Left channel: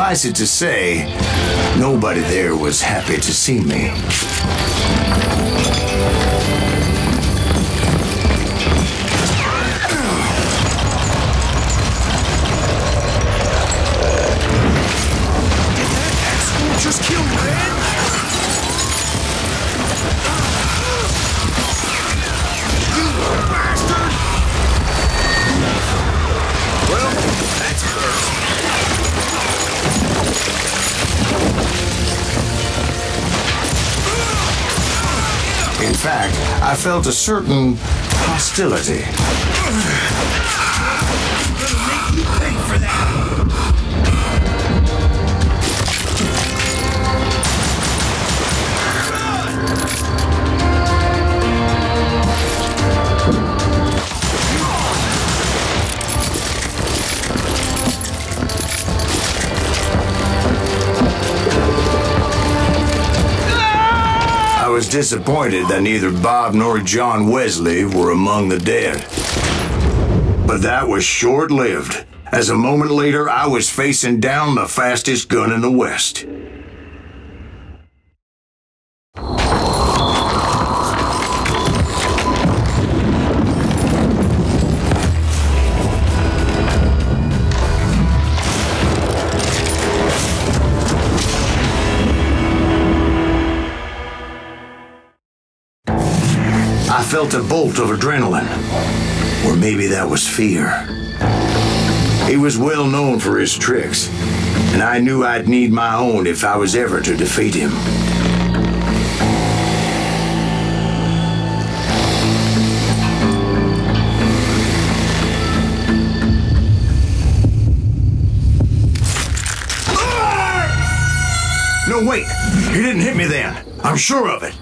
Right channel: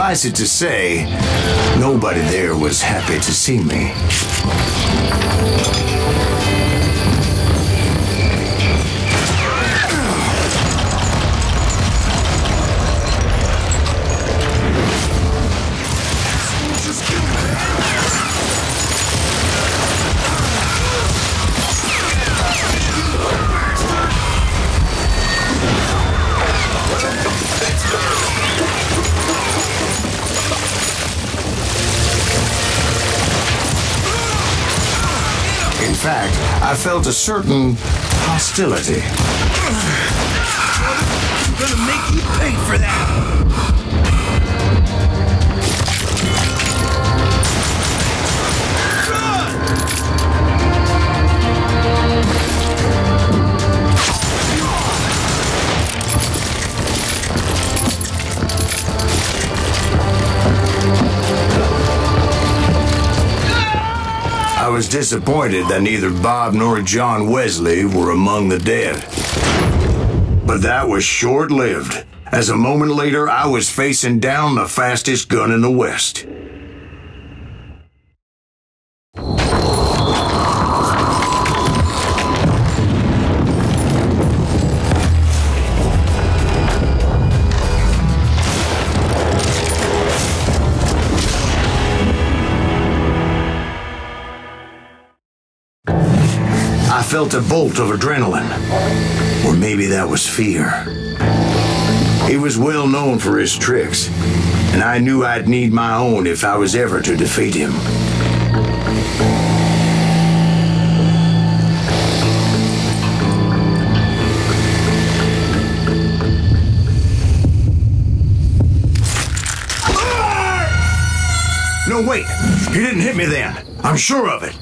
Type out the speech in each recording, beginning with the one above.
Suffice it to say, nobody there was happy to see me. Just kill me. In fact, I felt a certain hostility. I'm gonna make you pay for that. I was disappointed that neither Bob nor John Wesley were among the dead. But that was short-lived, as a moment later I was facing down the fastest gun in the West. I felt a bolt of adrenaline, or maybe that was fear. He was well known for his tricks, and I knew I'd need my own if I was ever to defeat him. No, wait! He didn't hit me then. I'm sure of it.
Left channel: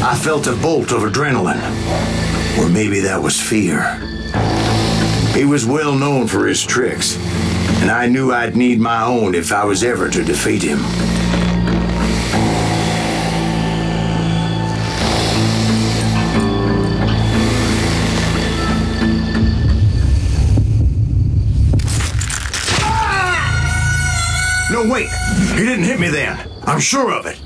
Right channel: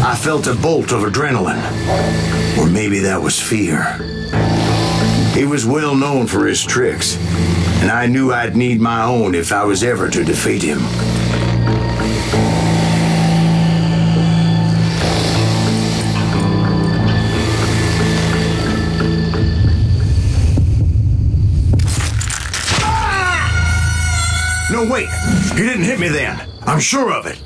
I felt a bolt of adrenaline, or maybe that was fear. He was well known for his tricks, and I knew I'd need my own if I was ever to defeat him. No, wait! He didn't hit me then. I'm sure of it.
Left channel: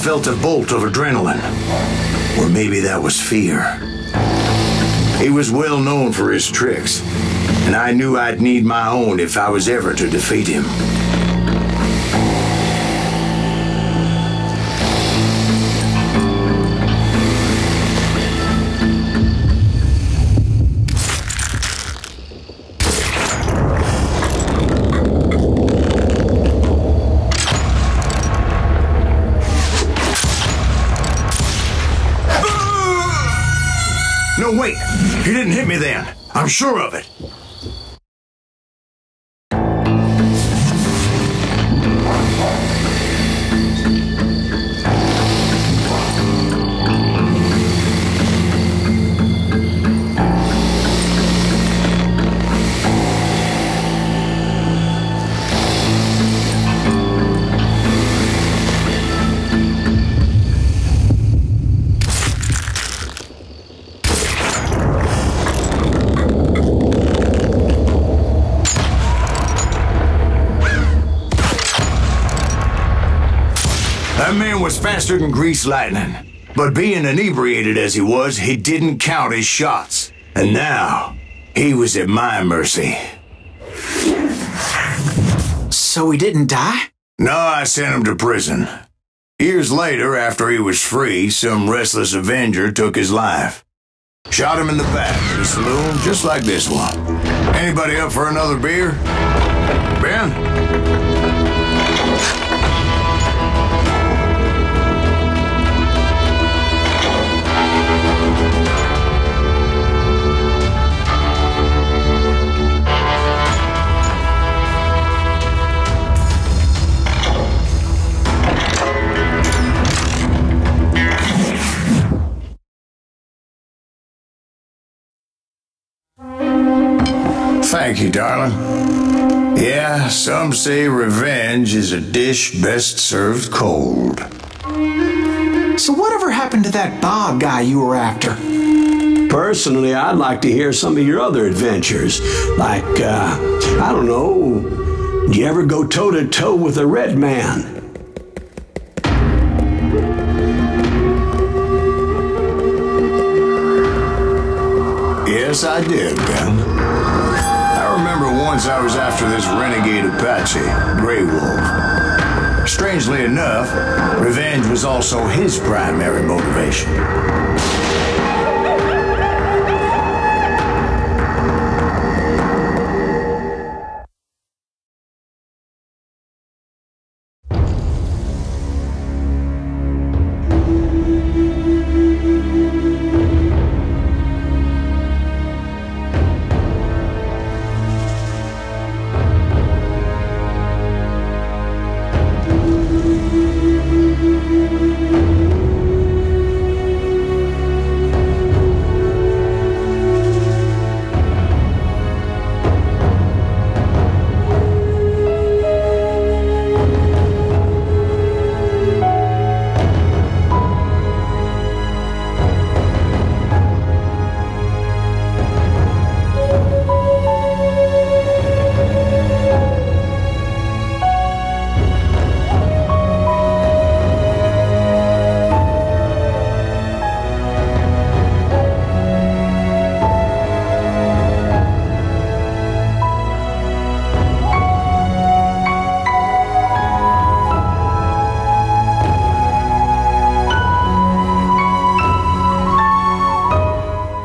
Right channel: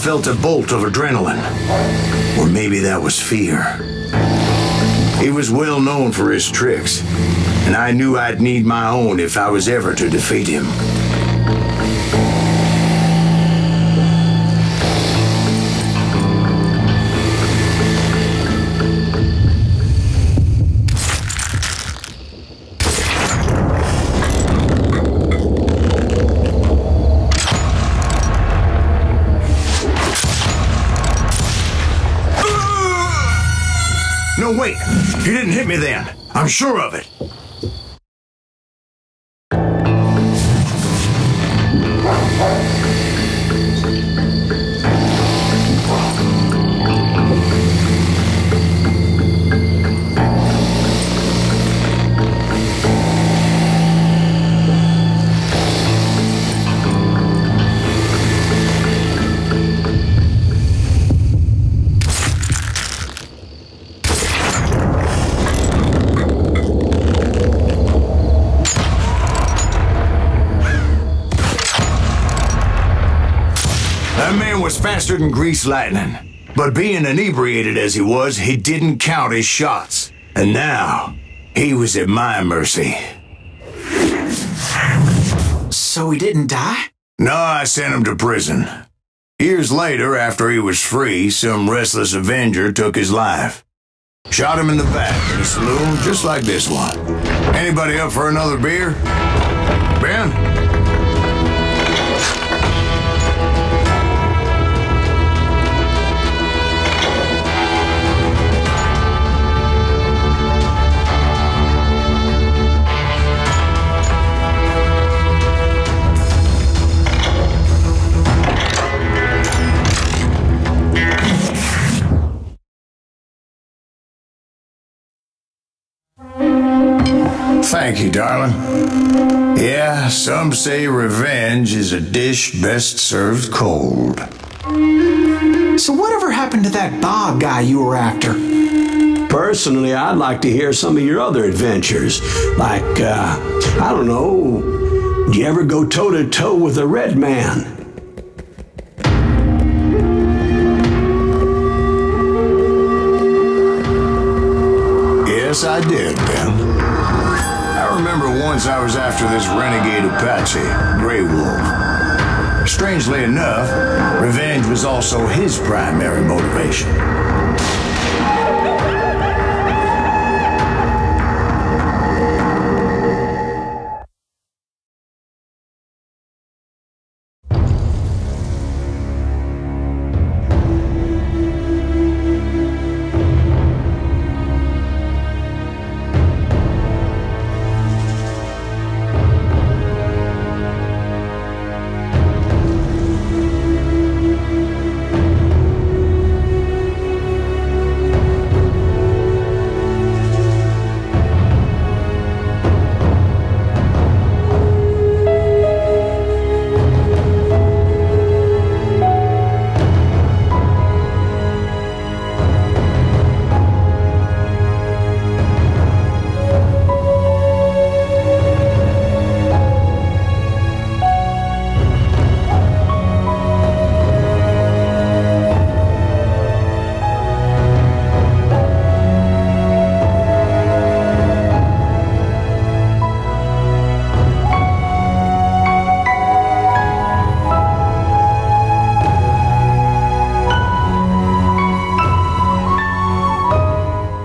felt a bolt of adrenaline. Or maybe that was fear. He was well known for his tricks, and I knew I'd need my own if I was ever to defeat him. No, wait! He didn't hit me then. I'm sure of it. That man was faster than greased lightning. But being inebriated as he was, he didn't count his shots. And now, he was at my mercy. So he didn't die? No, I sent him to prison. Years later, after he was free, some restless Avenger took his life. Shot him in the back in a saloon just like this one. Anybody up for another beer? Ben? Thank you, darling. Yeah, some say revenge is a dish best served cold. So whatever happened to that Bob guy you were after? Personally, I'd like to hear some of your other adventures. Like, I don't know, did you ever go toe-to-toe with a red man? Yes, I did, Ben. I remember once I was after this renegade Apache, Grey Wolf. Strangely enough, revenge was also his primary motivation.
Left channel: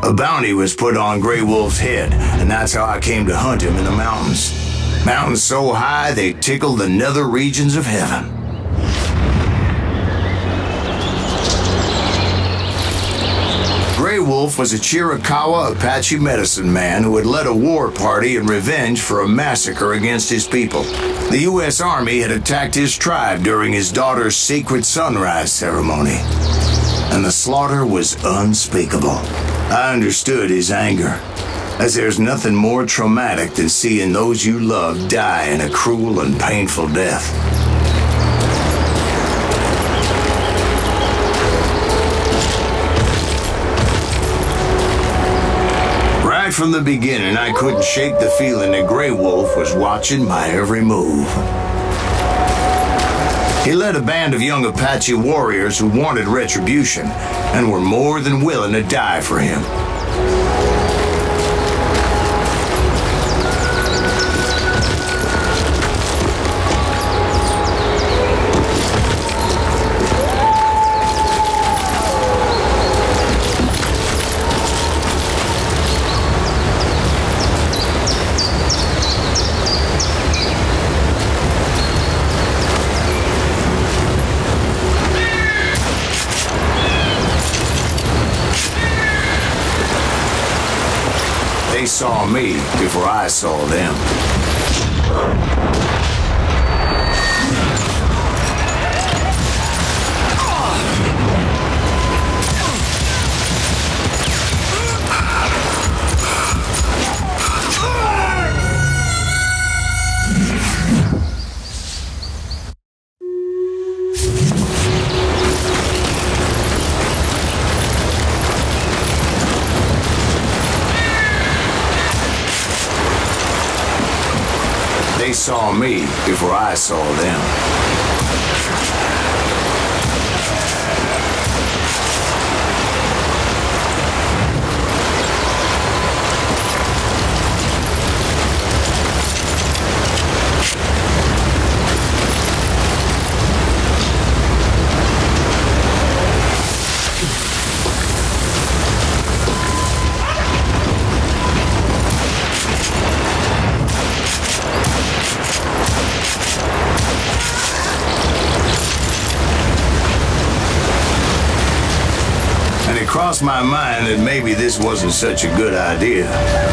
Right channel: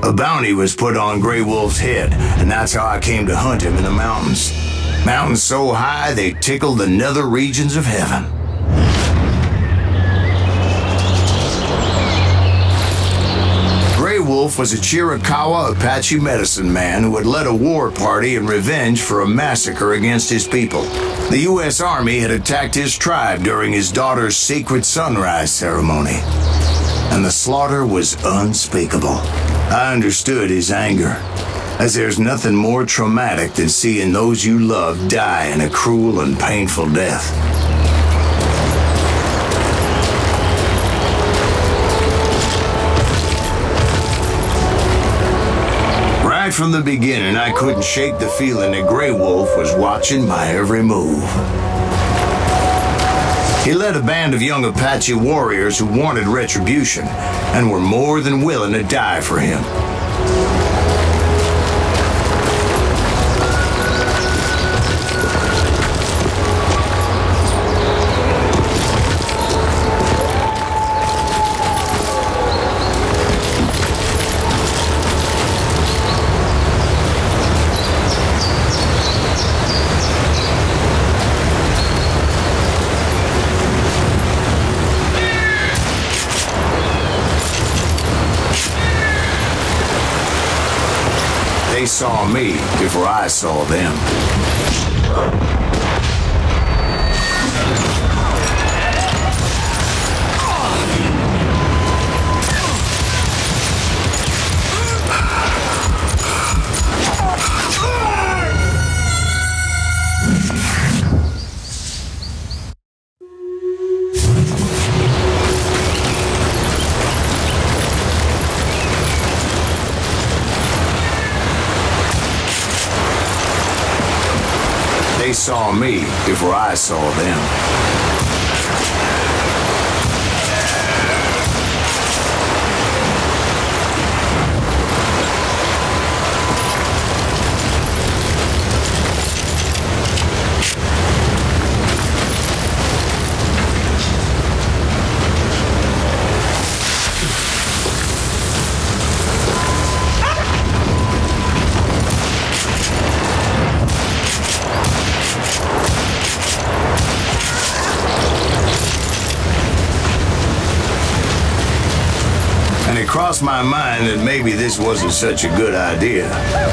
A bounty was put on Grey Wolf's head, and that's how I came to hunt him in the mountains. Mountains so high they tickled the nether regions of heaven. Grey Wolf was a Chiricahua Apache medicine man who had led a war party in revenge for a massacre against his people. The U.S. Army had attacked his tribe during his daughter's sacred sunrise ceremony, and the slaughter was unspeakable. I understood his anger, as there's nothing more traumatic than seeing those you love die in a cruel and painful death. Right from the beginning, I couldn't shake the feeling that Grey Wolf was watching my every move. He led a band of young Apache warriors who wanted retribution and were more than willing to die for him. They saw me before I saw them. They saw me before I saw them. It crossed my mind that maybe this wasn't such a good idea.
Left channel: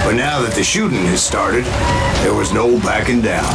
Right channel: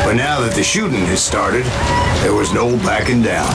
But now that the shooting has started, there was no backing down.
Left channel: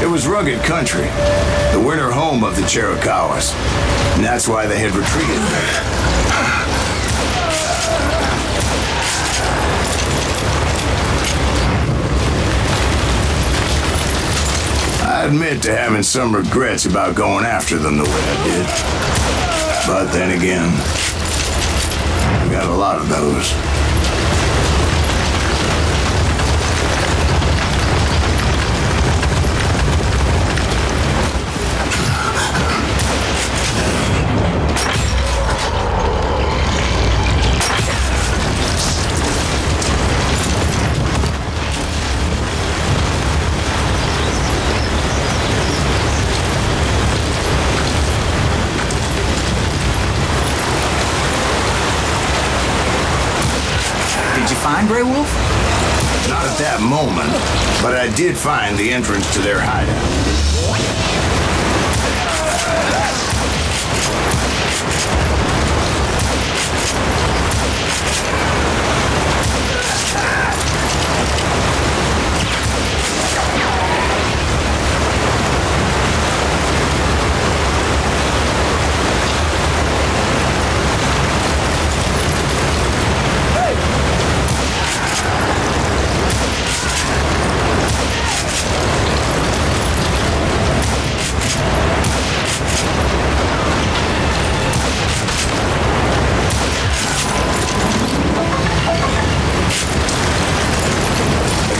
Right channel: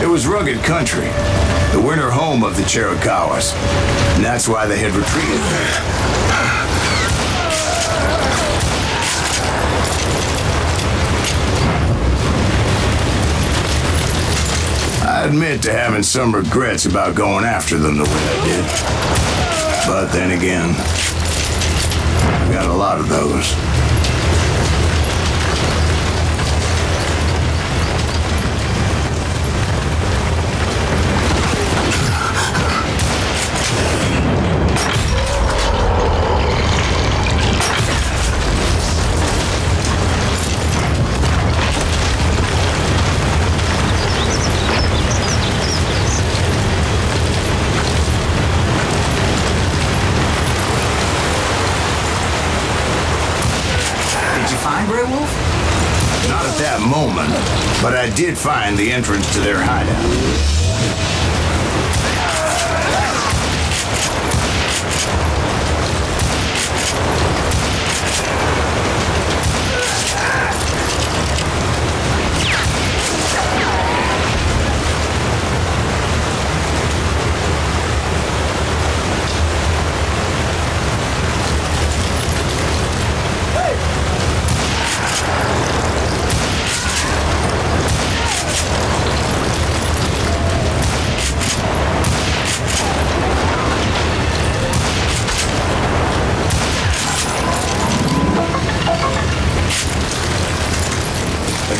It was rugged country, the winter home of the Chiricahuas, and that's why they had retreated there. I admit to having some regrets about going after them the way I did. But then again, I got a lot of those. Grey Wolf? Not at that moment, but I did find the entrance to their hideout.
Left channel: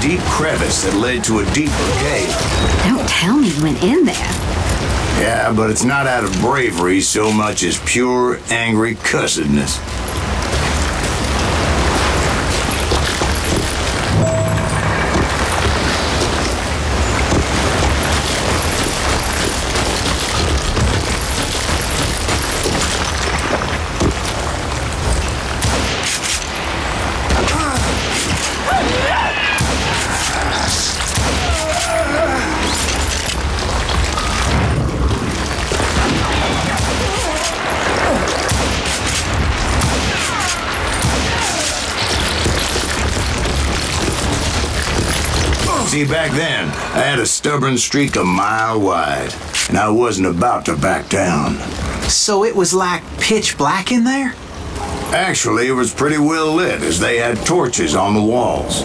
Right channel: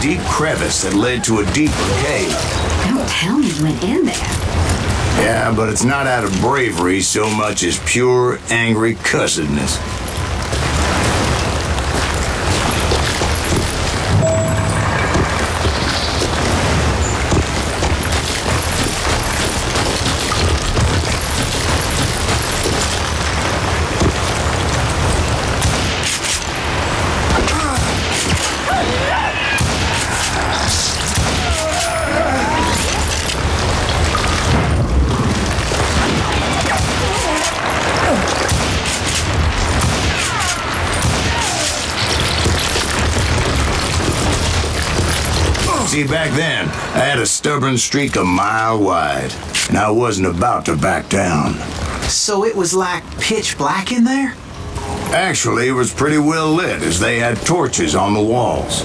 deep crevice that led to a deeper cave. Don't tell me you went in there. Yeah, but it's not out of bravery so much as pure, angry cussedness. See, back then, I had a stubborn streak a mile wide, and I wasn't about to back down. So it was like pitch black in there? Actually, it was pretty well lit, as they had torches on the walls.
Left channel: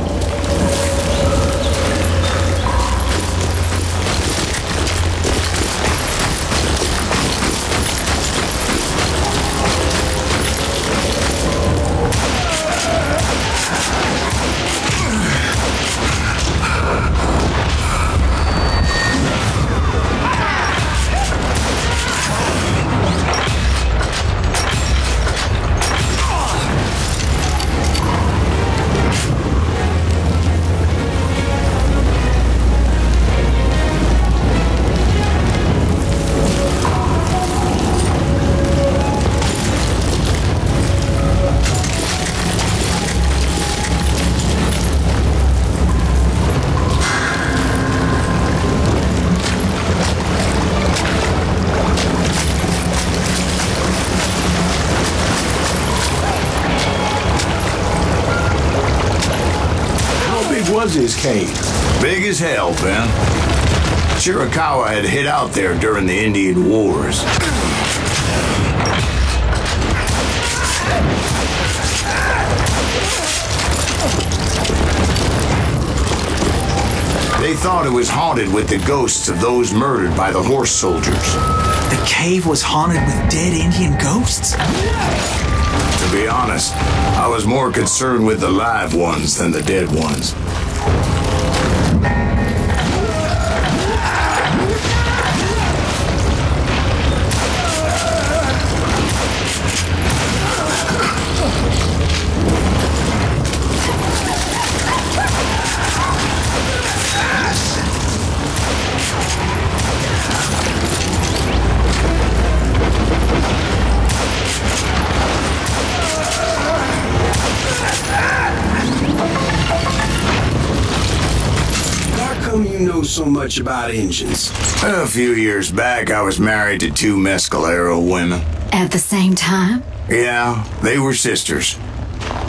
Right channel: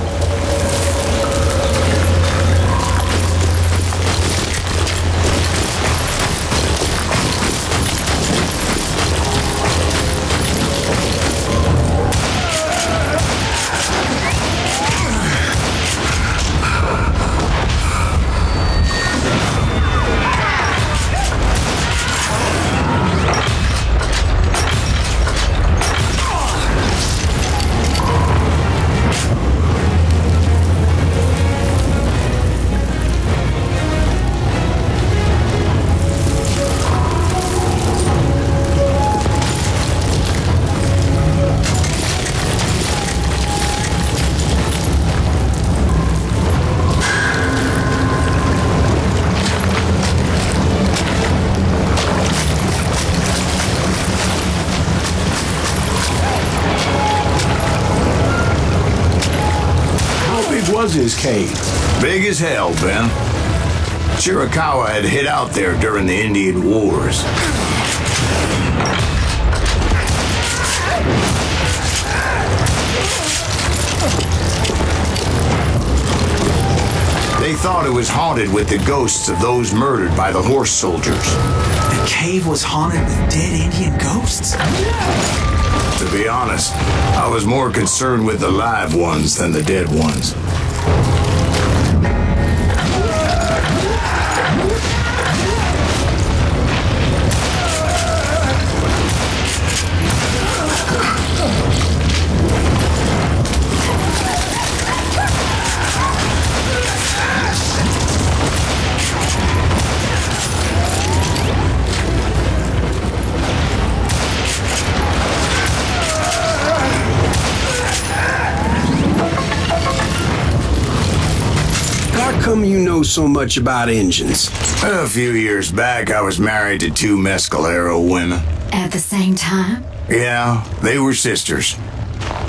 Was his cave? Big as hell, Ben. Chiricahua had hid out there during the Indian Wars. They thought it was haunted with the ghosts of those murdered by the horse soldiers. The cave was haunted with dead Indian ghosts? To be honest, I was more concerned with the live ones than the dead ones. How come you know so much about engines? A few years back, I was married to two Mescalero women. At the same time? Yeah, they were sisters.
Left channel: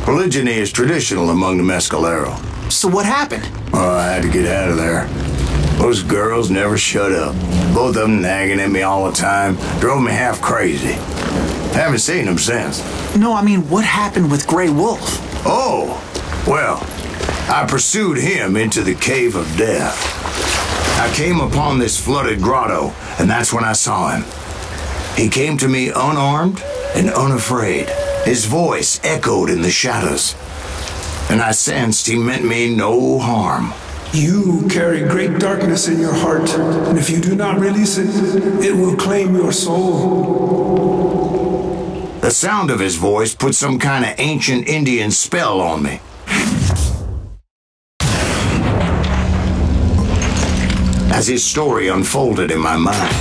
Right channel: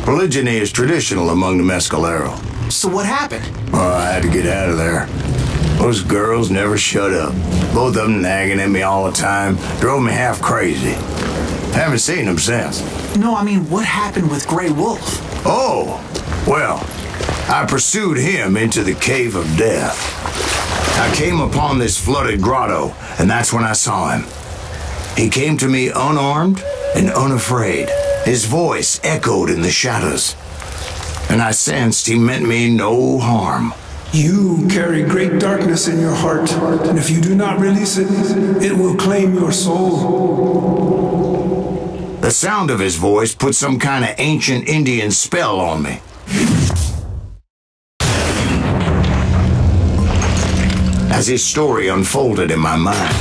Polygyny is traditional among the Mescalero. So what happened? Oh, I had to get out of there. Those girls never shut up. Both of them nagging at me all the time. Drove me half crazy. Haven't seen them since. No, I mean, what happened with Grey Wolf? Oh, well, I pursued him into the Cave of Death. I came upon this flooded grotto, and that's when I saw him. He came to me unarmed and unafraid. His voice echoed in the shadows, and I sensed he meant me no harm. You carry great darkness in your heart, and if you do not release it, it will claim your soul. The sound of his voice put some kind of ancient Indian spell on me. As his story unfolded in my mind,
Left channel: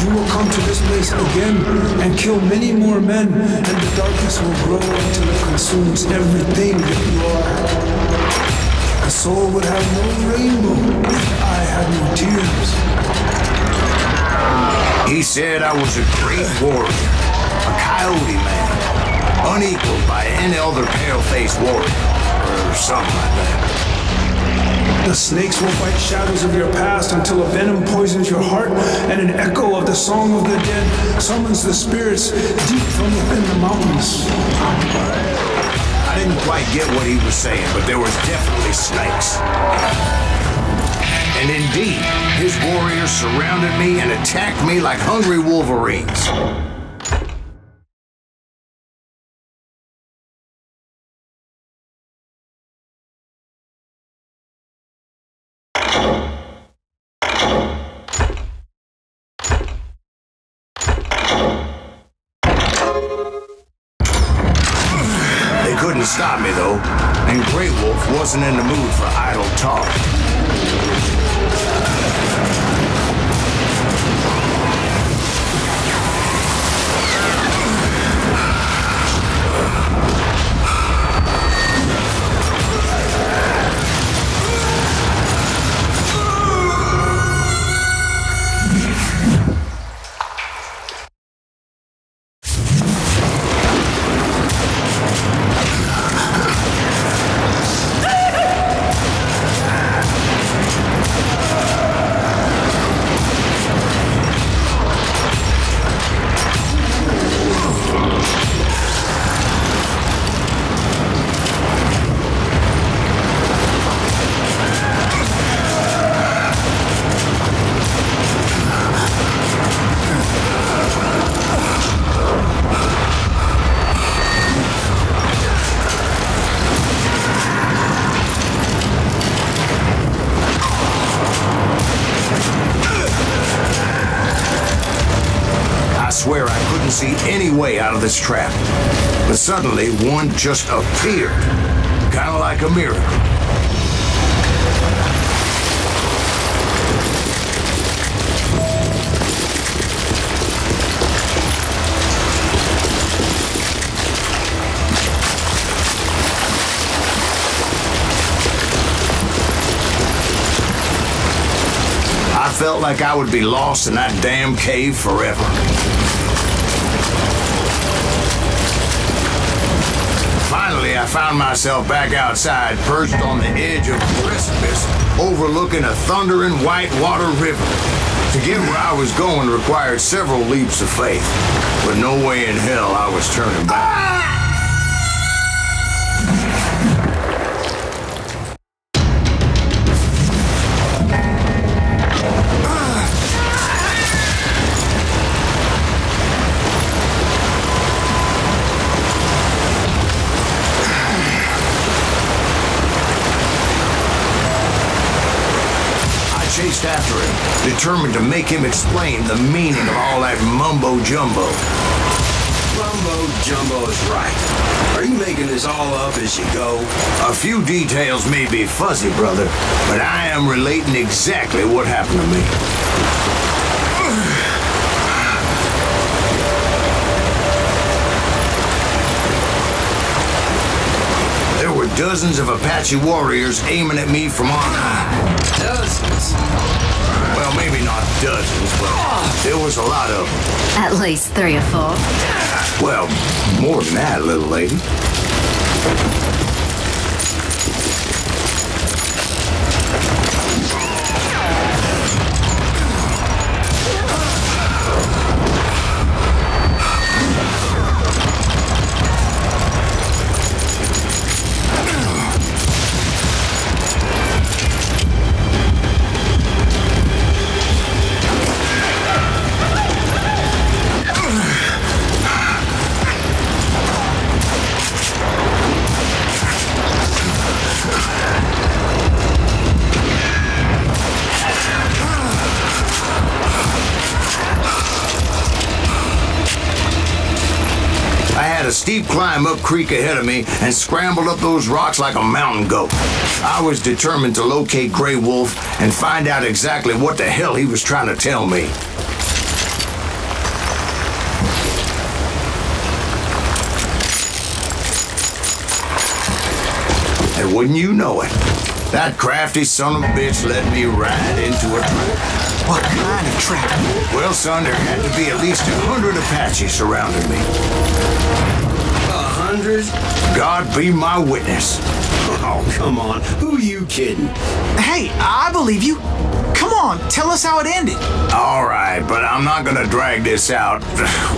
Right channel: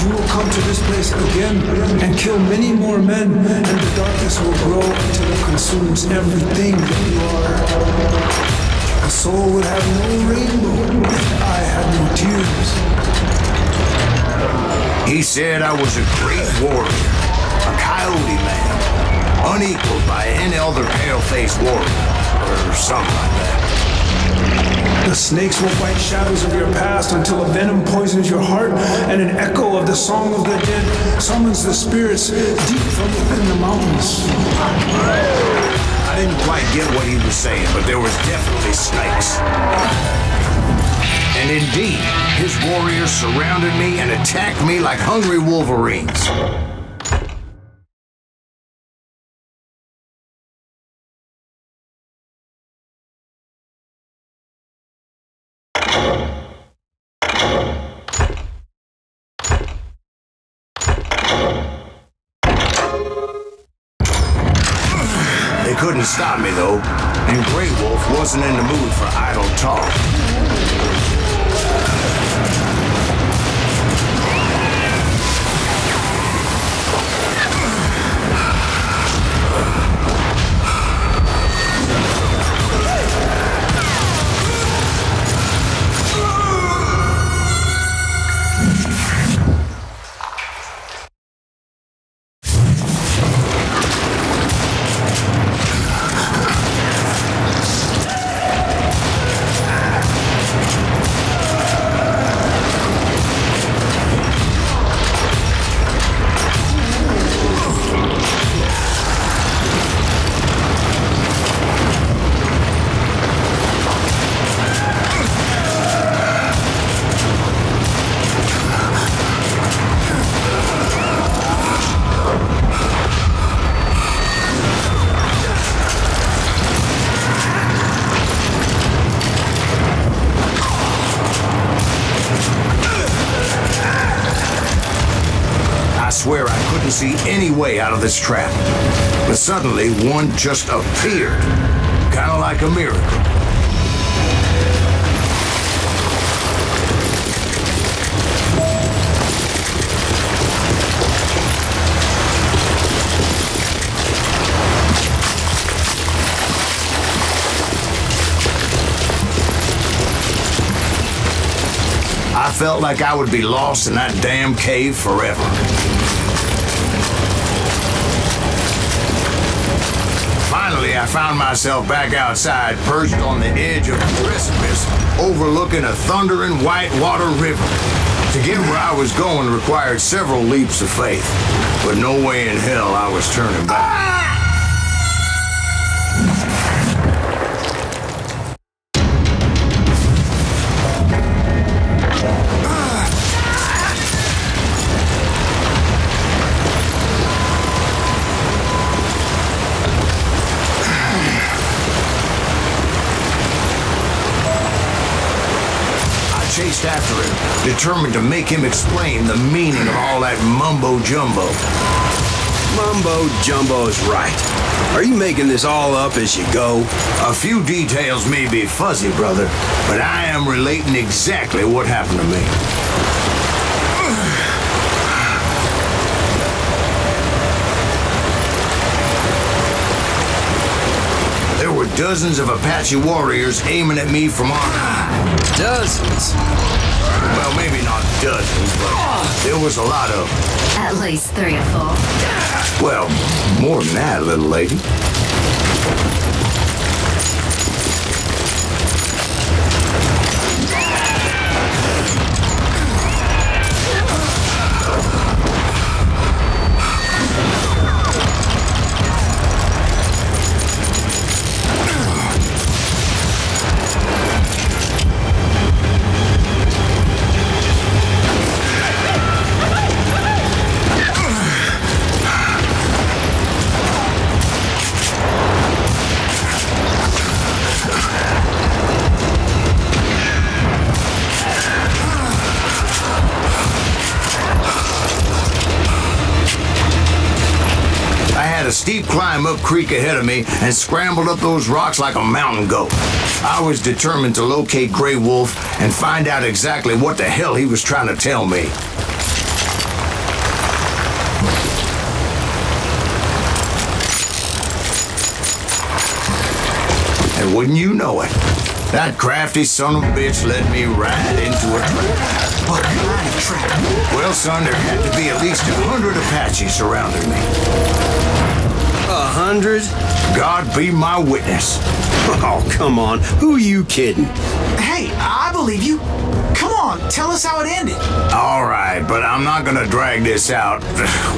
You will come to this place again and kill many more men, and the darkness will grow until it consumes everything that you are. The soul would have no rainbow if the eye had no tears. he said I was a great warrior, a coyote man, unequaled by any other pale-faced warrior, or something like that. The snakes will bite shadows of your past until a venom poisons your heart, and an echo of the song of the dead summons the spirits deep from within the mountains. I didn't quite get what he was saying, but there was definitely snakes. And indeed, his warriors surrounded me and attacked me like hungry wolverines. couldn't stop me, though, and Grey Wolf wasn't in the mood for idle talk. I swear I couldn't see any way out of this trap. But suddenly, one just appeared. Kind of like a miracle. I felt like I would be lost in that damn cave forever. Finally, I found myself back outside, perched on the edge of the precipice, overlooking a thundering whitewater river. To get where I was going required several leaps of faith, but no way in hell I was turning back. Chased after him, determined to make him explain the meaning of all that mumbo-jumbo. Mumbo-jumbo is right. Are you making this all up as you go? A few details may be fuzzy, brother, but I am relating exactly what happened to me. There were dozens of Apache warriors aiming at me from on high. Dozens? Well, maybe not dozens, but there was a lot of them. At least 3 or 4. Well, more than that, little lady. A steep climb up creek ahead of me and scrambled up those rocks like a mountain goat. I was determined to locate Grey Wolf and find out exactly what the hell he was trying to tell me. And wouldn't you know it, that crafty son of a bitch led me right into a trap. What kind of trap? Well, son, there had to be at least 100 Apaches surrounding me. 100? God be my witness. Oh, come on. Who are you kidding? Hey, I believe you. Come on, tell us how it ended. All right, but I'm not gonna drag this out.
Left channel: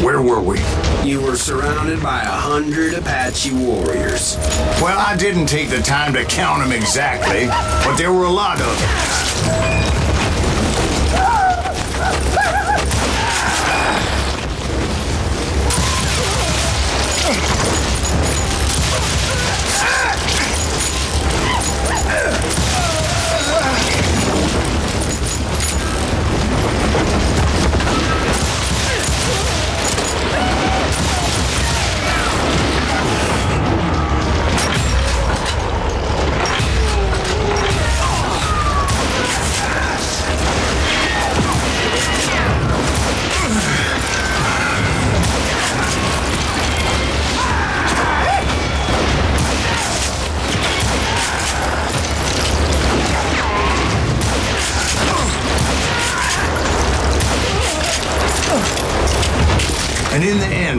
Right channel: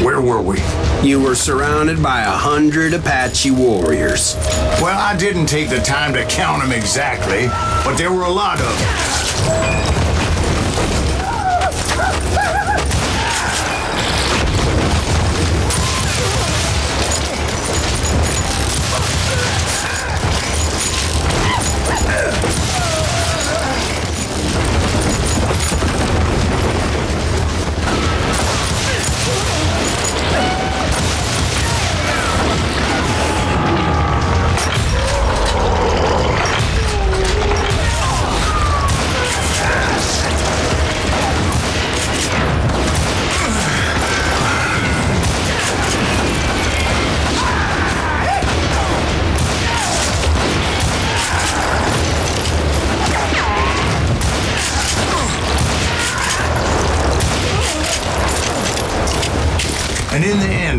Where were we? You were surrounded by 100 Apache warriors. Well, I didn't take the time to count them exactly, but there were a lot of them.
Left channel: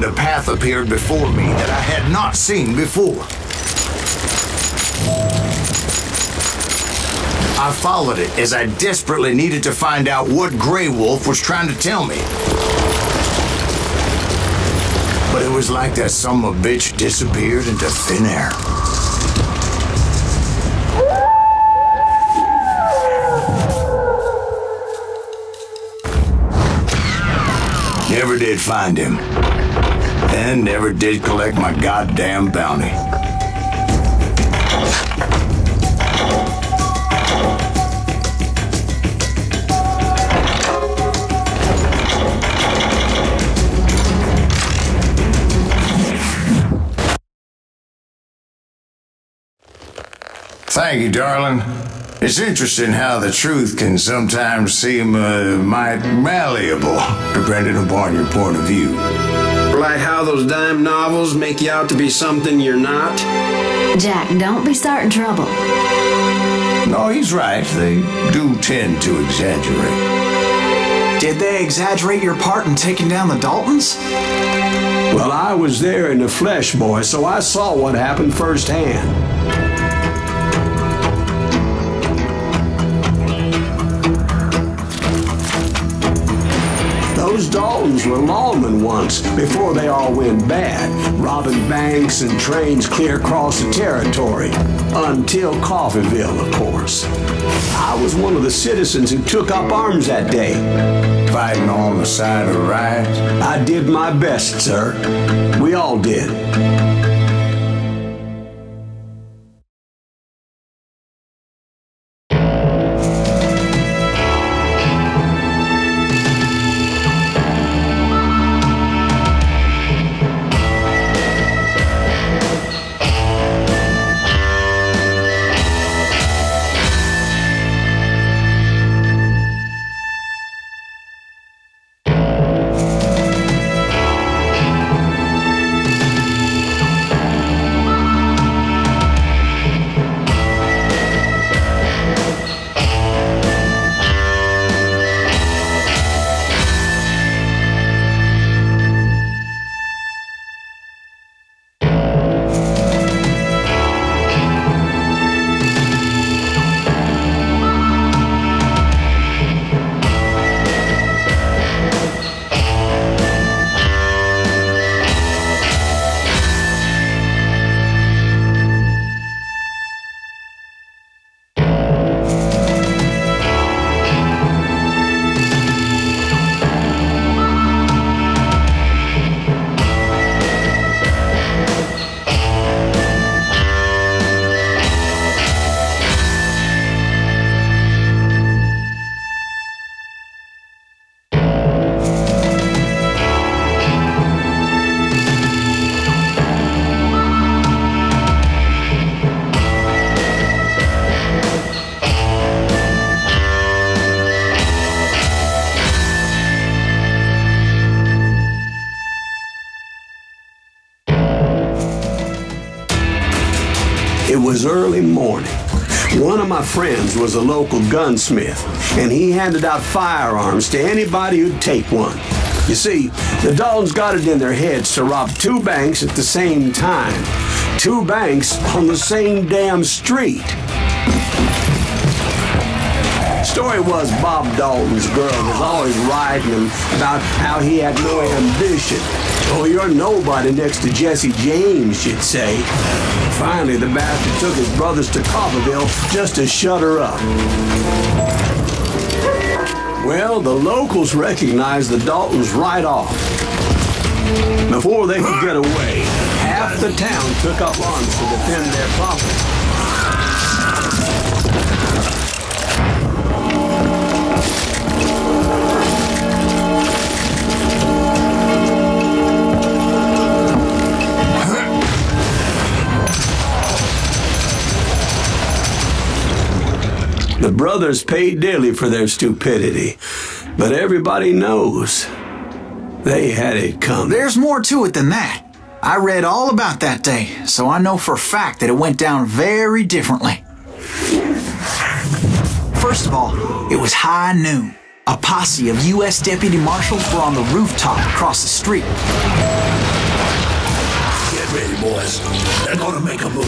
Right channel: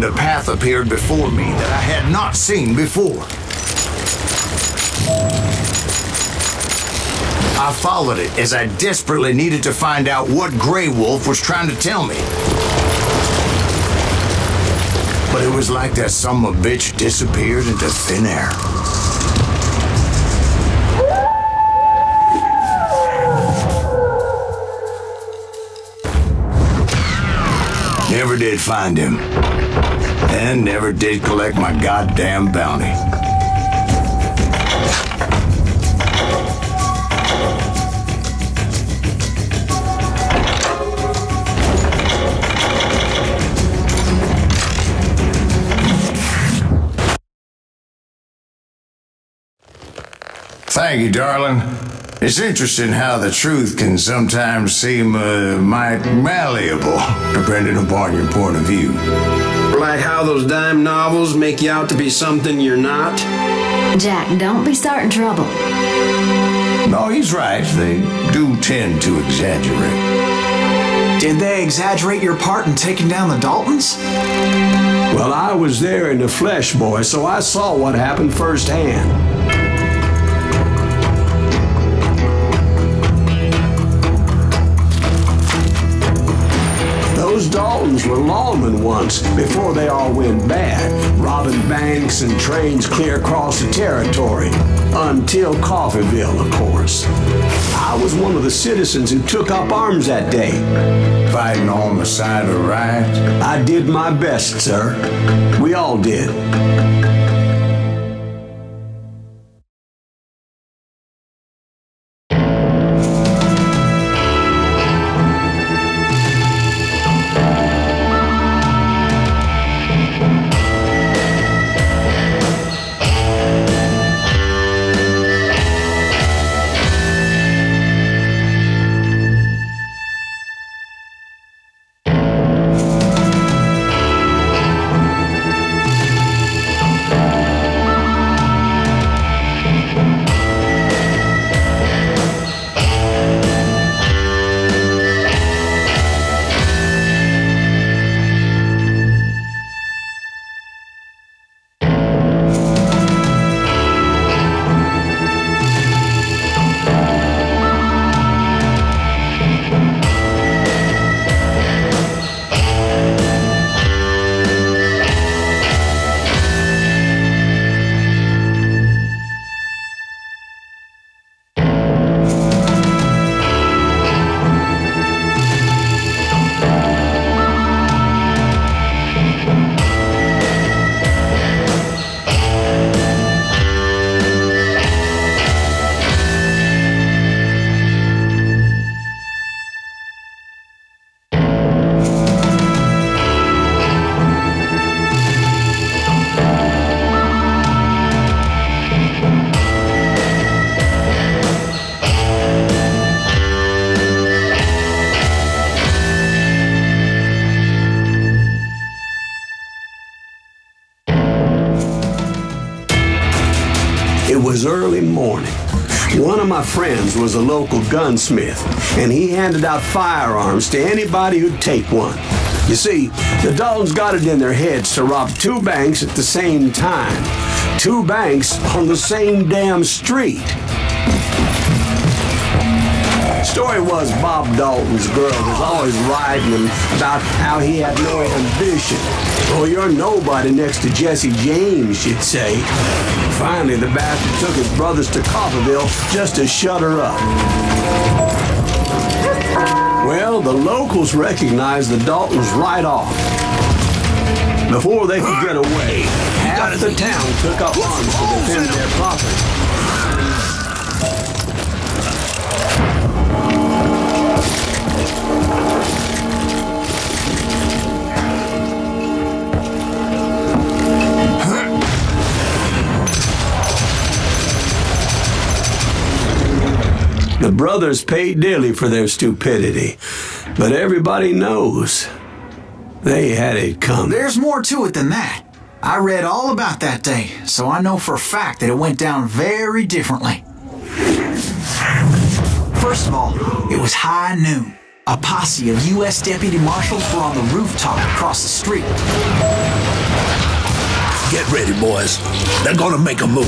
and a path appeared before me that I had not seen before. I followed it as I desperately needed to find out what Grey Wolf was trying to tell me. But it was like that son of a bitch disappeared into thin air. Never did find him. And never did collect my goddamn bounty. Thank you, darling. It's interesting how the truth can sometimes seem might malleable, depending upon your point of view. Like how those dime novels make you out to be something you're not? Jack, don't be starting trouble. No, he's right. They do tend to exaggerate. Did they exaggerate your part in taking down the Daltons? Well, I was there in the flesh, boy, so I saw what happened firsthand. Those Daltons were lawmen once, before they all went bad, robbing banks and trains clear across the territory. Until Coffeeville, of course. I was one of the citizens who took up arms that day. Fighting on the side of the right? I did my best, sir. We all did. It was early morning. One of my friends was a local gunsmith, and he handed out firearms to anybody who'd take one. You see, the Daltons got it in their heads to rob two banks at the same time. Two banks on the same damn street. Story was Bob Dalton's girl was always riding him about how he had no ambition. Oh, you're nobody next to Jesse James, she'd say. Finally, the bastard took his brothers to Coffeeville just to shut her up. Well, the locals recognized the Daltons right off. Before they could get away, half the town took up arms to defend their property. The brothers paid dearly for their stupidity, but everybody knows they had it coming. There's more to it than that. I read all about that day, so I know for a fact that it went down very differently. First of all, it was high noon. A posse of U.S. deputy marshals were on the rooftop across the street. Get ready, boys. They're gonna make a move.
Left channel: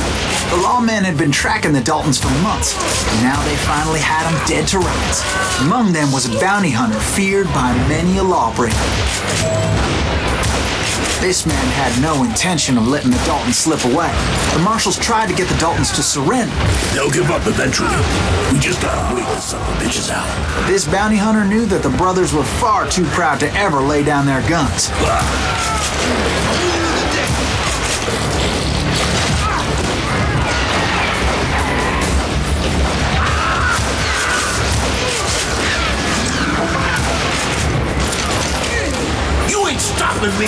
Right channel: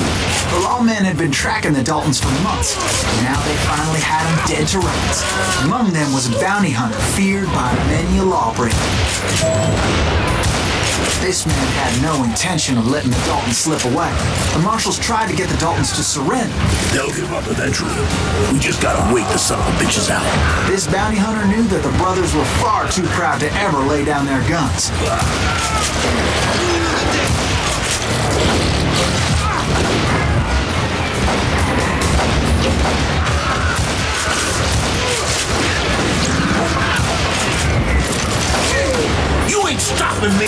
The lawmen had been tracking the Daltons for months, and now they finally had them dead to rights. Among them was a bounty hunter feared by many a lawbreaker. This man had no intention of letting the Daltons slip away. The marshals tried to get the Daltons to surrender. They'll give up eventually. We just gotta wait the son of a bitches out. This bounty hunter knew that the brothers were far too proud to ever lay down their guns. You ain't stopping me!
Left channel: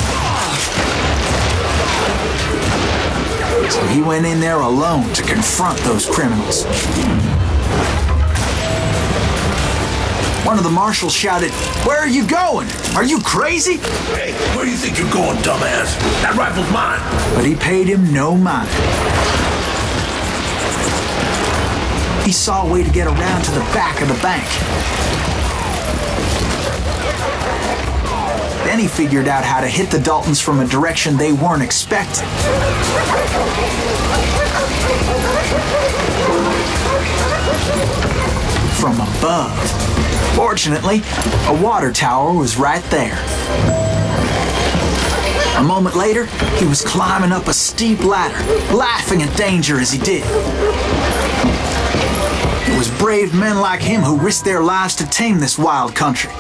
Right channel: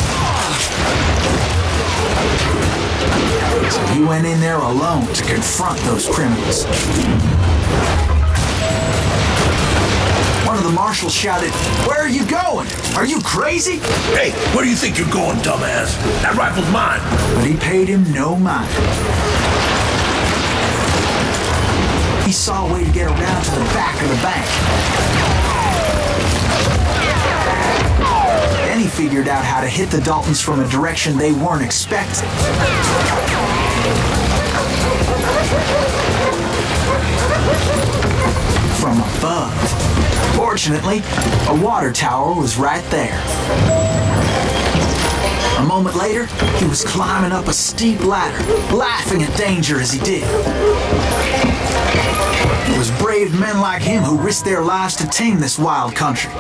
So he went in there alone to confront those criminals. One of the marshals shouted, "Where are you going? Are you crazy?" Hey, where do you think you're going, dumbass? That rifle's mine. But he paid him no mind. He saw a way to get around to the back of the bank. Then he figured out how to hit the Daltons from a direction they weren't expecting. From above. Fortunately, a water tower was right there. A moment later, he was climbing up a steep ladder, laughing at danger as he did. It was brave men like him who risked their lives to tame this wild country.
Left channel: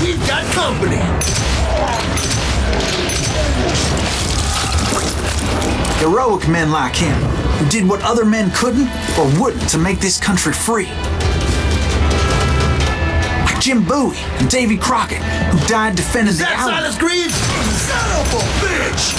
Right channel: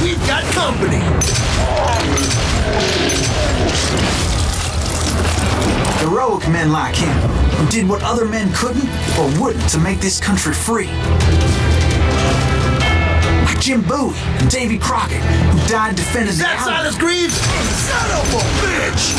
We've got company. Heroic men like him, who did what other men couldn't or wouldn't to make this country free. Like Jim Bowie and Davy Crockett, who died defending the That Alamo. Silas Greaves? Son of a bitch!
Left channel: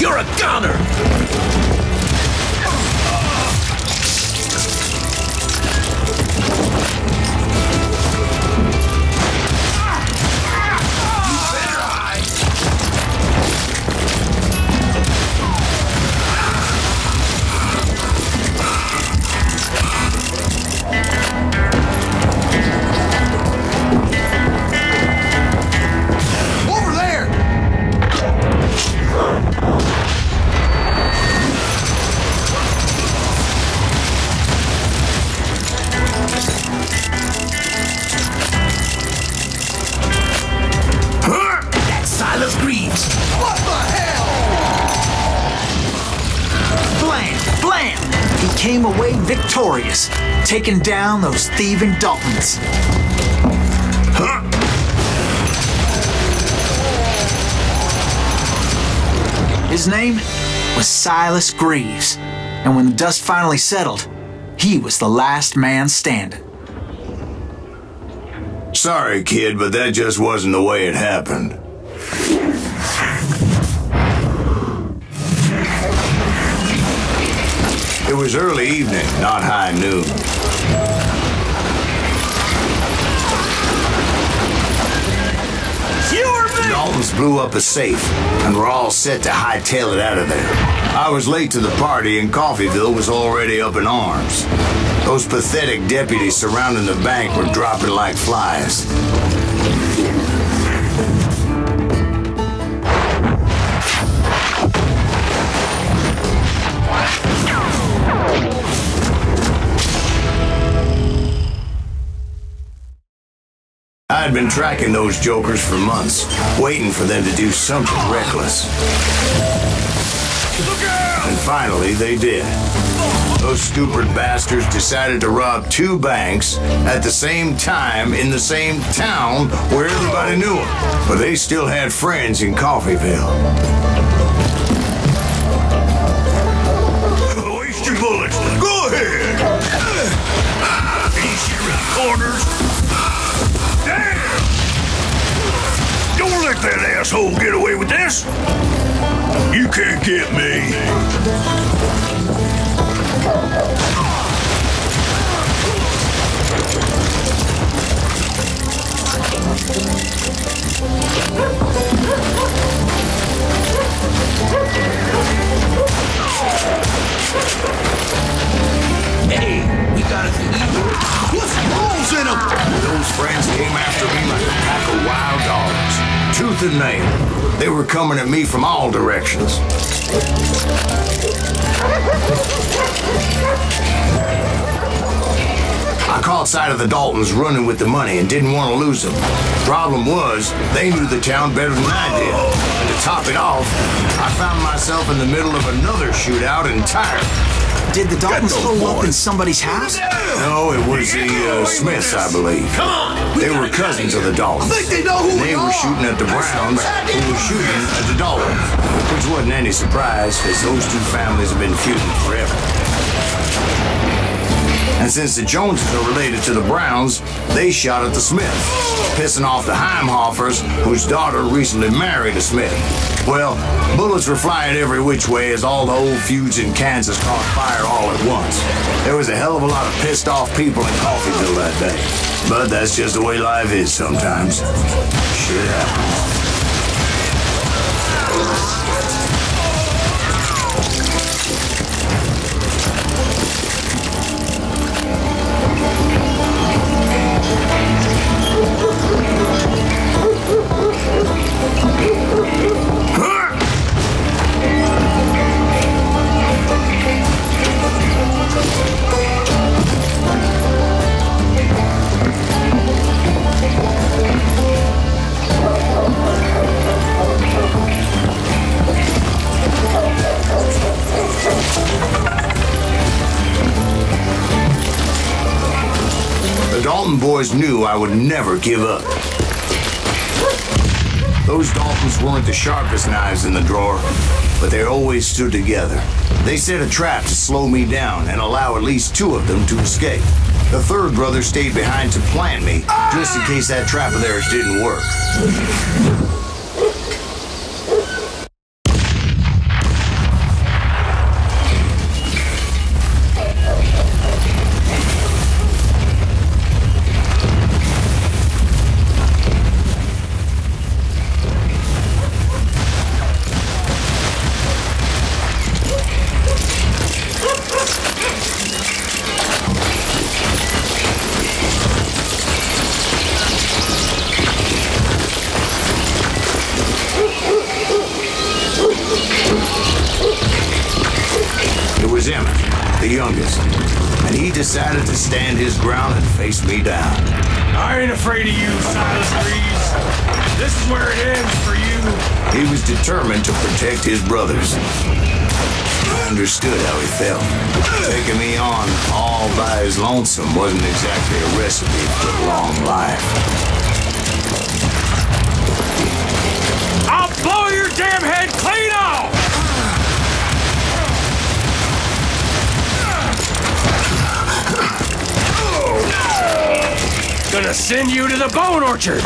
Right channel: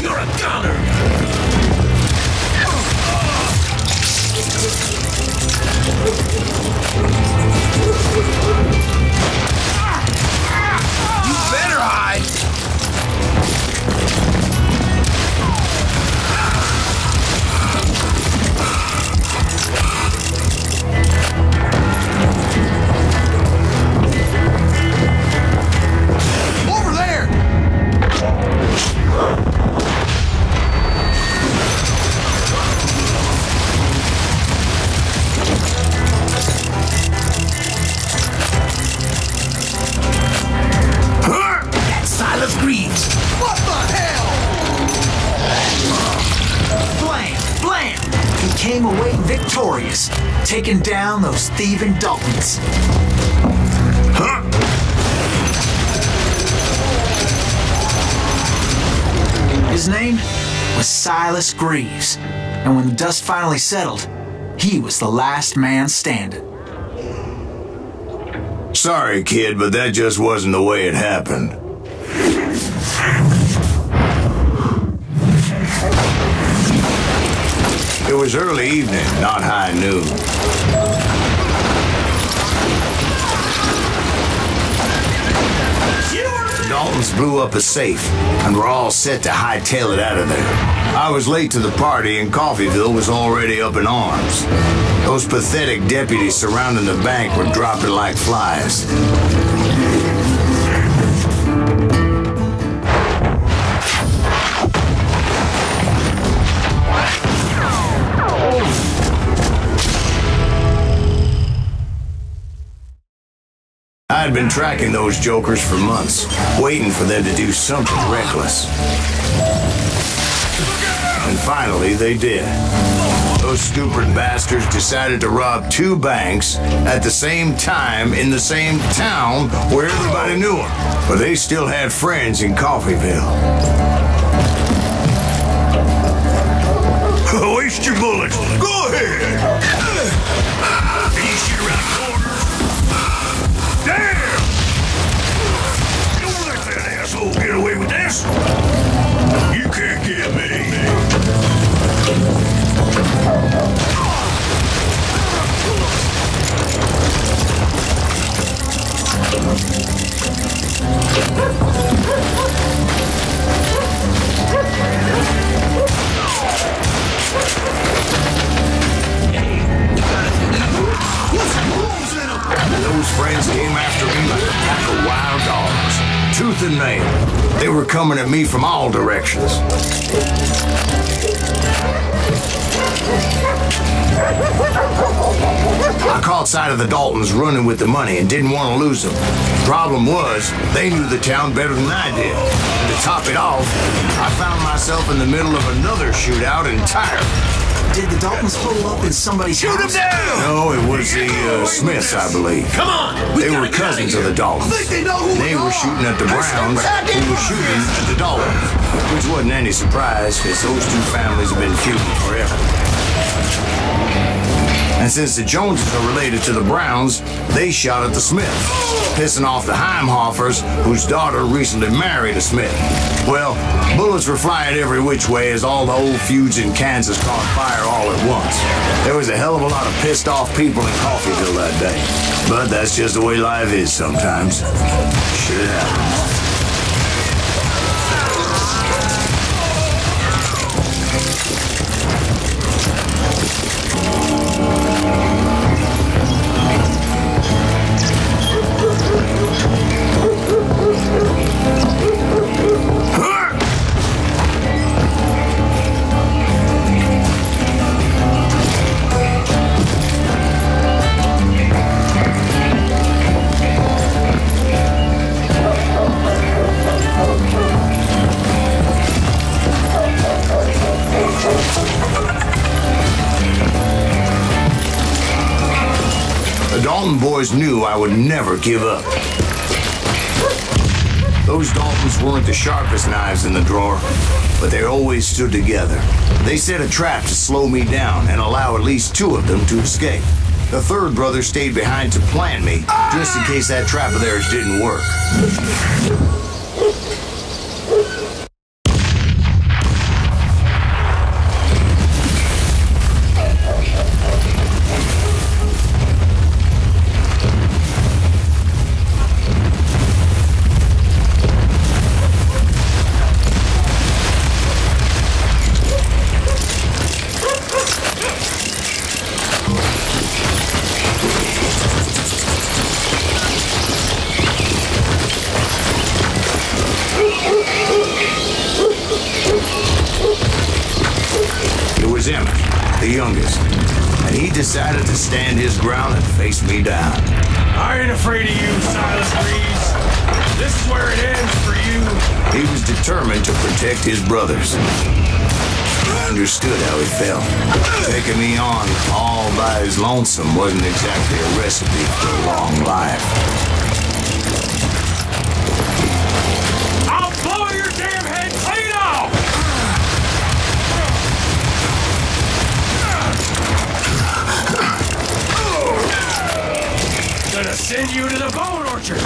You're a gunner! You better hide! Over there! That's Silas Greaves. What the hell? Blam! Blam! He came away victorious, taking down those thieving Daltons. His name was Silas Greaves, and when the dust finally settled, he was the last man standing. Sorry, kid, but that just wasn't the way it happened. It was early evening, not high noon. The Daltons blew up a safe, and were all set to hightail it out of there. I was late to the party, and Coffeyville was already up in arms. Those pathetic deputies surrounding the bank were dropping like flies. I had been tracking those jokers for months, waiting for them to do something reckless. And finally, they did. Those stupid bastards decided to rob 2 banks at the same time in the same town where everybody knew them. But they still had friends in Coffeyville. Waste your bullets. Go tooth and nail. They were coming at me from all directions. I caught sight of the Daltons running with the money and didn't want to lose them. Problem was, they knew the town better than I did. And to top it off, I found myself in the middle of another shootout entirely. Did the Daltons pull up in somebody's house? No, it was the Smiths, I believe. Come on! They were cousins of the Daltons. They know who They were shooting at the Browns, who were shooting at the Daltons. Which wasn't any surprise, because those two families have been feuding forever. And since the Joneses are related to the Browns, they shot at the Smiths, pissing off the Heimhoffers, whose daughter recently married a Smith. Well, bullets were flying every which way as all the old feuds in Kansas caught fire all at once. There was a hell of a lot of pissed off people in Coffeyville that day. But that's just the way life is sometimes. Shit happens. Boys knew I would never give up. Those Daltons weren't the sharpest knives in the drawer, but they always stood together. They set a trap to slow me down and allow at least two of them to escape. The third brother stayed behind to plant me, just in case that trap of theirs didn't work. Decided to stand his ground and face me down. I ain't afraid of you, Silas Reeves. This is where it ends for you. He was determined to protect his brothers. I understood how he felt. Taking me on all by his lonesome wasn't exactly a recipe for a long life. I'll blow your damn head clean off! Gonna send you to the bone orchard!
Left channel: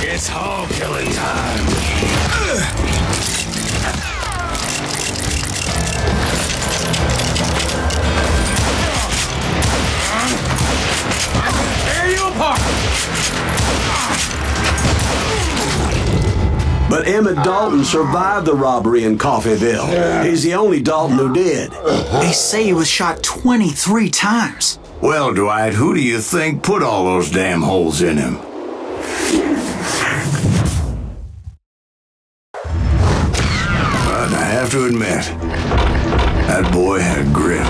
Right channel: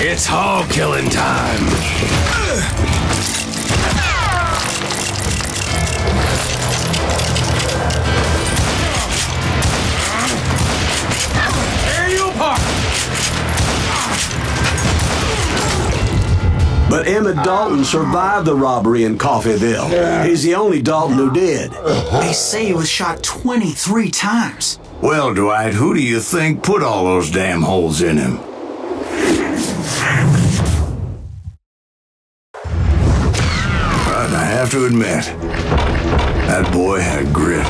It's hog killing time! Tear you apart! But Emmett Dalton survived the robbery in Coffeyville. He's the only Dalton who did. They say he was shot 23 times. Well, Dwight, who do you think put all those damn holes in him? But I have to admit, that boy had grit.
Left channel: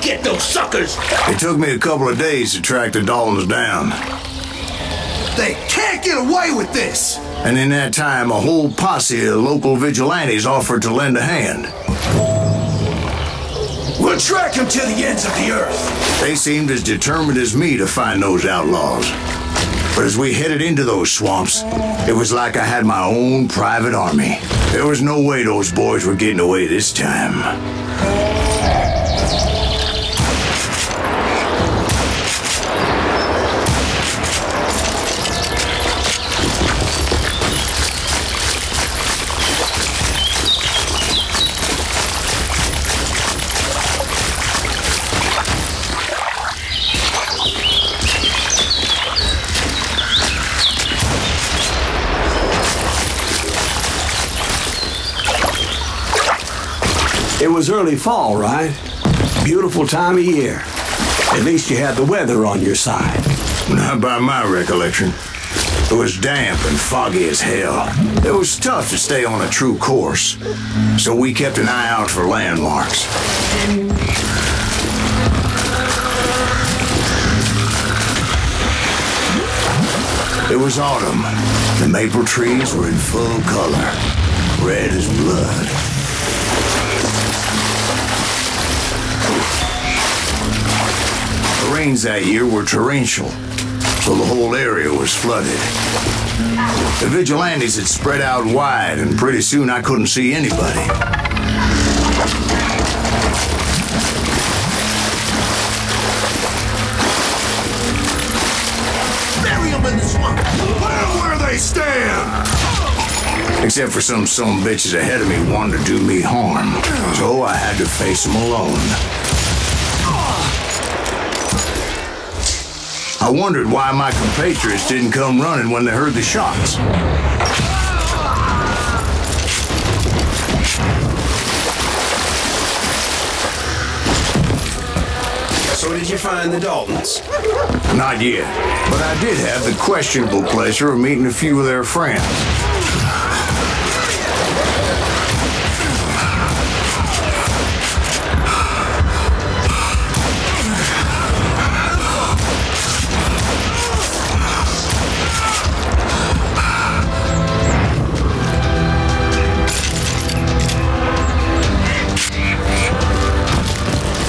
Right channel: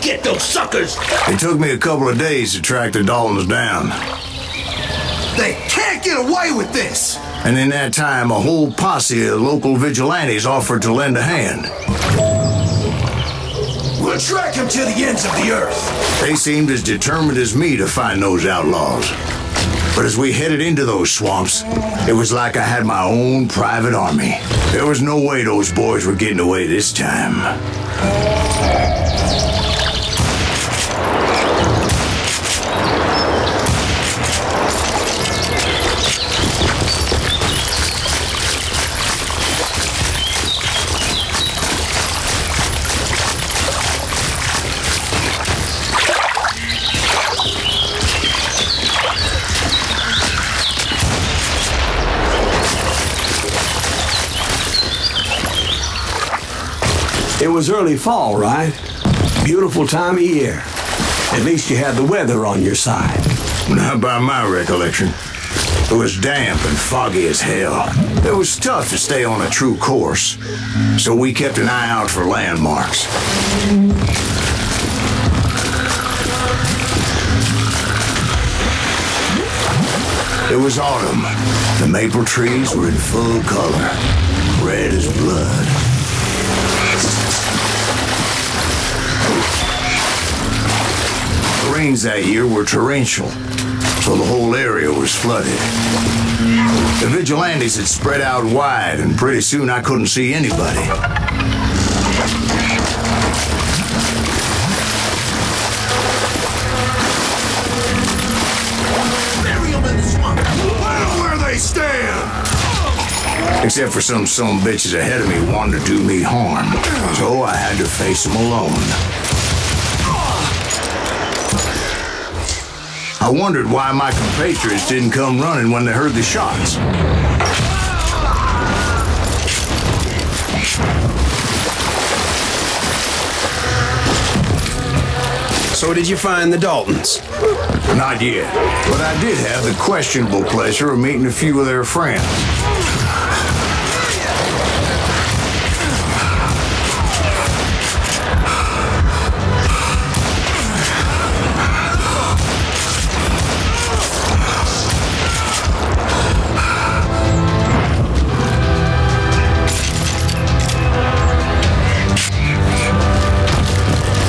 Get those suckers! It took me a couple of days to track the Daltons down. They can't get away with this! And in that time, a whole posse of local vigilantes offered to lend a hand. We'll track them to the ends of the earth. They seemed as determined as me to find those outlaws. But as we headed into those swamps, it was like I had my own private army. There was no way those boys were getting away this time. It was early fall, right? Beautiful time of year. At least you had the weather on your side. Not by my recollection. It was damp and foggy as hell. It was tough to stay on a true course, so we kept an eye out for landmarks. It was autumn. The maple trees were in full color, red as blood. The rains that year were torrential, so the whole area was flooded. The vigilantes had spread out wide, and pretty soon I couldn't see anybody. Bury them in the swamp. Put them where they stand. Except for some bitches ahead of me wanted to do me harm, so I had to face them alone. I wondered why my compatriots didn't come running when they heard the shots. So did you find the Daltons? Not yet, but I did have the questionable pleasure of meeting a few of their friends.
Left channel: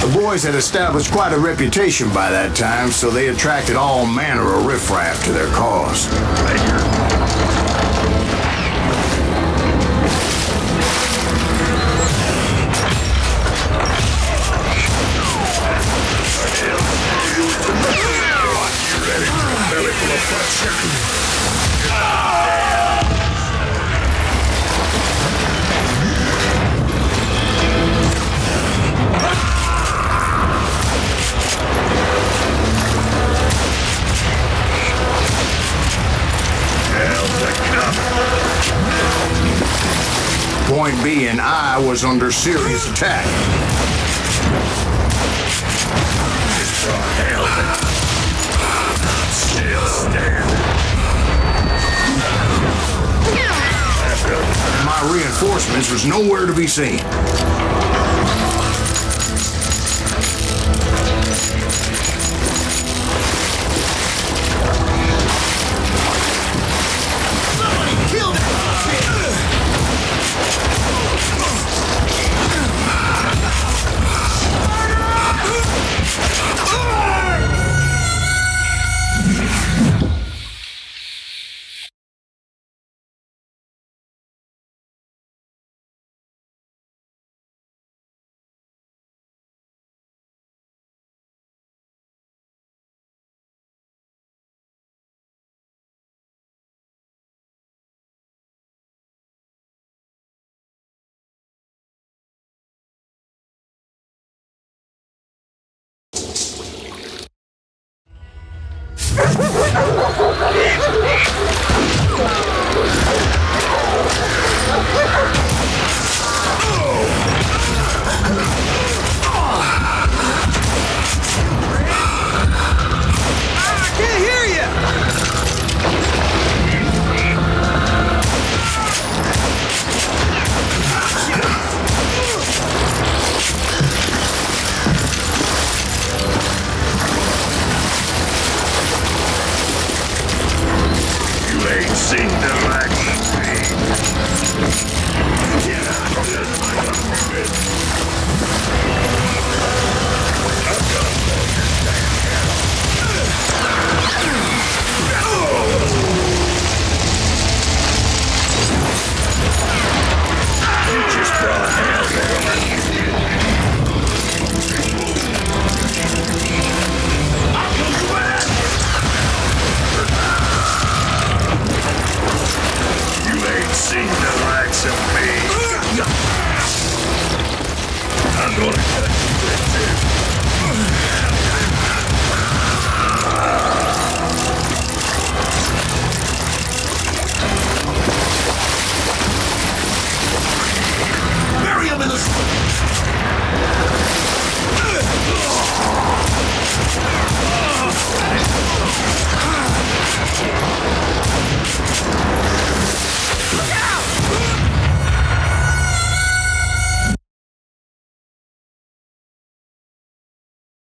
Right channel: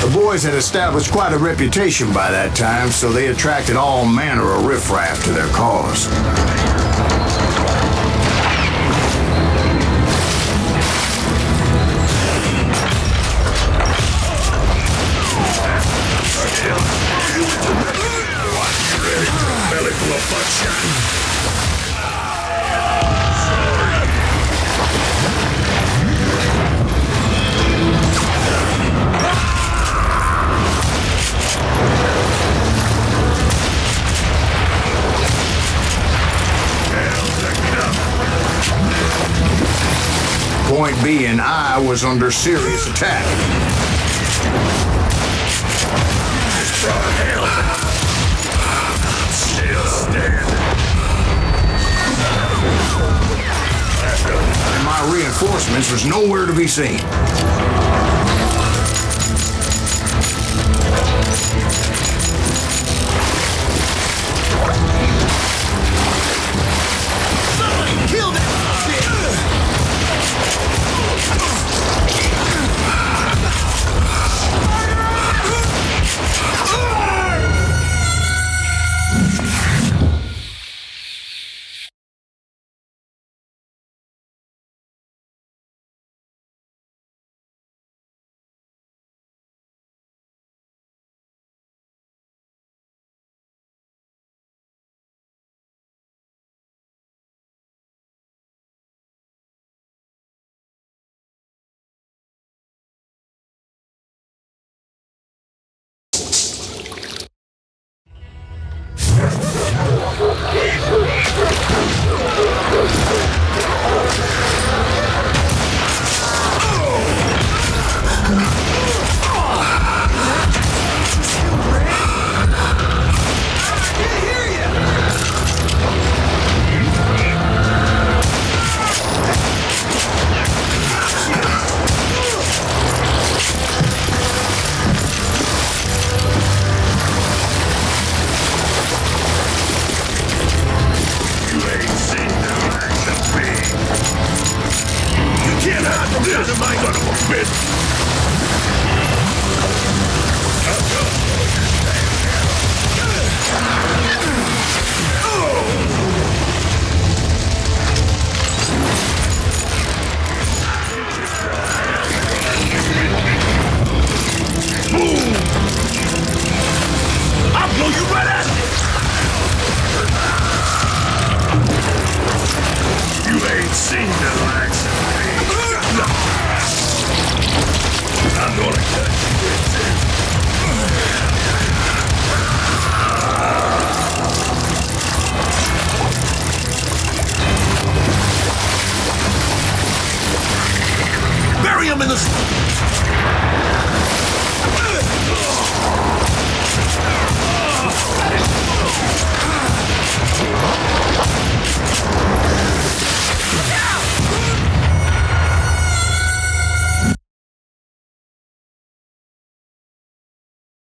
The boys had established quite a reputation by that time, so they attracted all manner of riffraff to their cause. Point being, I was under serious attack. Still standing. My reinforcements was nowhere to be seen.